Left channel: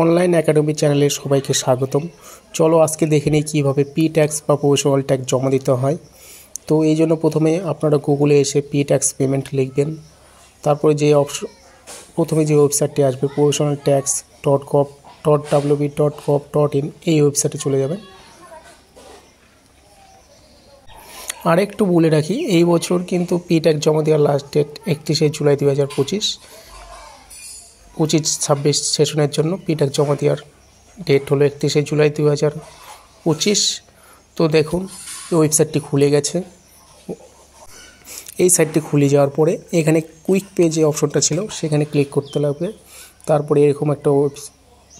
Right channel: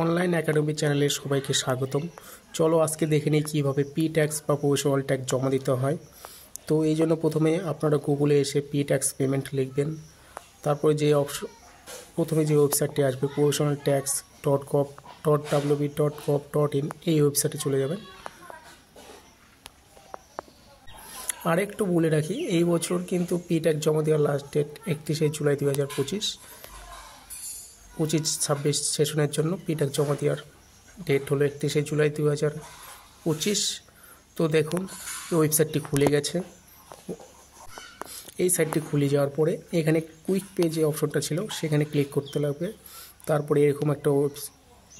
Online academy চ্যানেলে সবাইকে স্বাগতম। চলো আজকে দেখে নিই কীভাবে পি ট্যাক্স বা প্রফেশনাল ট্যাক্স জমা দিতে হয়। তো এই জন্য প্রথমে আপনারা গুগলে এসে পি ট্যাক্স পেমেন্ট লিখবেন। তারপরে প্রথমে যে ওয়েবসাইটটি আসবে professionaltax.gov.wb.gov.in এই ওয়েবসাইটে চলে যাবেন। আর একটু বলে রাখি, এই বছর কিন্তু পি ট্যাক্স জমা দেওয়ার লাস্ট ডেট 31শে জুলাই 2025। 25-26 সেশনের জন্য পি ট্যাক্স জমা দেওয়ার ডেট হলো 31শে জুলাই 2025। তো দেখুন এই ওয়েবসাইটটি খুলে গেছে। এই সাইটটি খুলে যাওয়ার পরে এখানে কুইক পেজ যে অপশনটা ছিল সেখানে ক্লিক করতে লাগবে। তারপরে এরকম একটা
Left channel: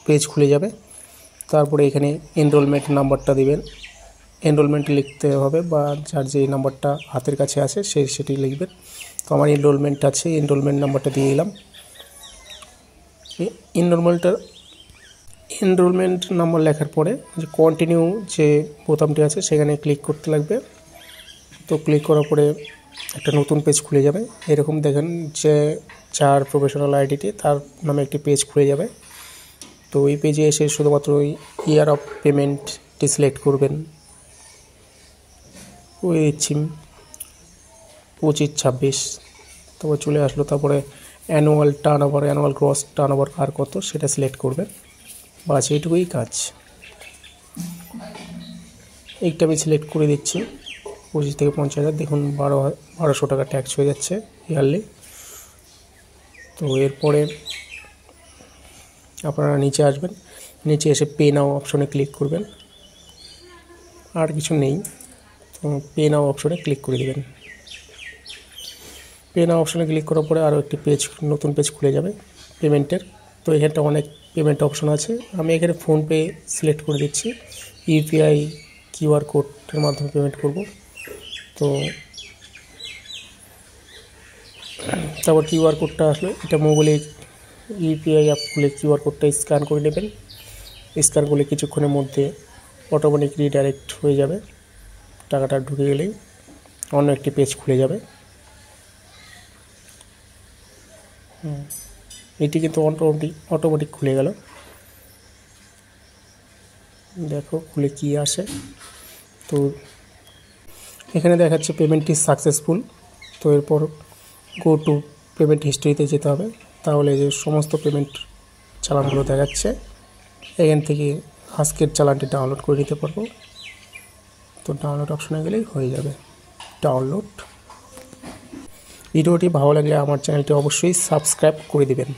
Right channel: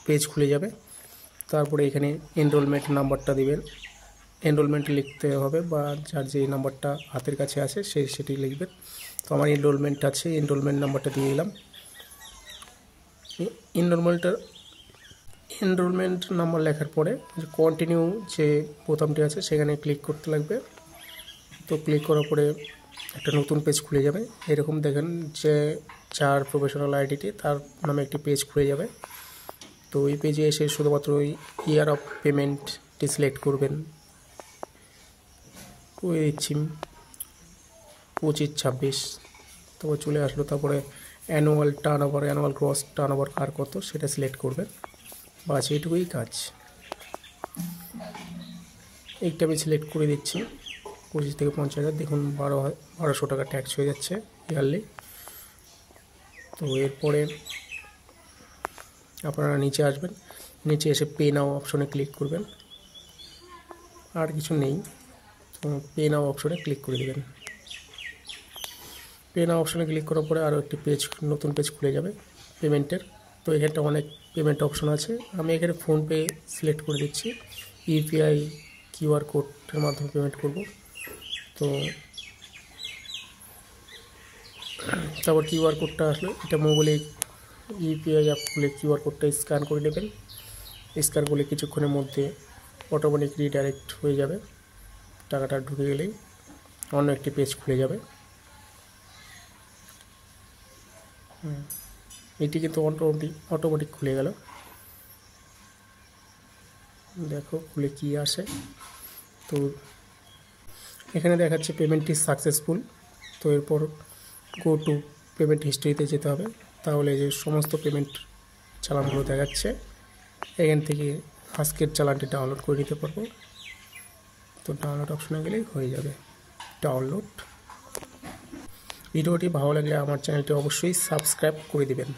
পেজ খুলে যাবে। তারপরে এখানে এনরোলমেন্ট নাম্বারটা দিবেন, এনরোলমেন্ট লিখতে হবে বা যার যে নাম্বারটা হাতের কাছে আছে সেটি লিখবেন। তো আমার এনরোলমেন্ট আছে, এনরোলমেন্ট নাম্বারটা দিয়ে দিলাম। এনরোলমেন্ট নাম্বার লেখার পরে যে কন্টিনিউ যে বোতামটি আছে সেখানে ক্লিক করতে লাগবে। তো ক্লিক করার পরে একটা নতুন পেজ খুলে যাবে। এরকম দেখেন যে যার প্রফেশনাল আইডিটি তার নামে একটি পেজ খুলে যাবে। তো এই পেজে এসে শুধুমাত্র ওই ইয়ার অফ পেমেন্টটি সিলেক্ট করবেন। করে দিচ্ছি 25-26। তারপর চলে আসলো। তারপরে annual turnover, annual gross turnover আর কত সেটা সিলেক্ট করবেন। বাস এইটুকুই কাজ। এইটা আমি সিলেক্ট করে দিচ্ছি 25 থেকে 50,000। দেখুন 1200 টাকা ট্যাক্স হয়ে যাচ্ছে ইয়ারলি। তো এরপরে আপনারা নিচে আসবেন, নিচে এসে পে নাও অপশনে ক্লিক করবেন। আর কিছু নেই, তো পে নাও অপশনে ক্লিক করে দেবেন। পে নাও অপশনে ক্লিক করার পরে আরও একটি নতুন পেজ খুলে যাবে পেমেন্টের। তো এখানটা অনেক পেমেন্ট অপশন আছে। আমি এখানে ফোনপে সিলেক্ট করে দিচ্ছি। ইউপিআই কিউআর কোডের মাধ্যমে পেমেন্ট করব। তো তারপর কিউআর কোডটা আসলে এটা মোবাইলে ইউপিআই অ্যাপ খুলে কিউআর কোডটা স্ক্যান করে নেবেন। স্ক্যান করলে কিছুক্ষণের মধ্যে অটোমেটিক রিডাইরেক্ট হয়ে যাবে। টাকাটা ঢুকে গেলেই অন্য একটি পেজ খুলে যাবে। এটি কিন্তু অটোমেটিক খুলে গেল। দেখো খুলে কি আসে। তো এখানে দেখাচ্ছে পেমেন্ট ইজ সাকসেসফুল। তো এরপর গো টু পেমেন্ট হিস্ট্রিতে যেতে হবে। তাহলে যে সমস্ত পেমেন্ট চালানগুলো দেখাচ্ছে এখান থেকে আজকের চালানটি ডাউনলোড করে নিতে পারবো। তো ডাউনলোড অপশনে গেলেই হয়ে যাবে ডাউনলোড। ভিডিওটি ভালো লাগলে আমার চ্যানেলটি অবশ্যই সাবস্ক্রাইব করে দিবেন।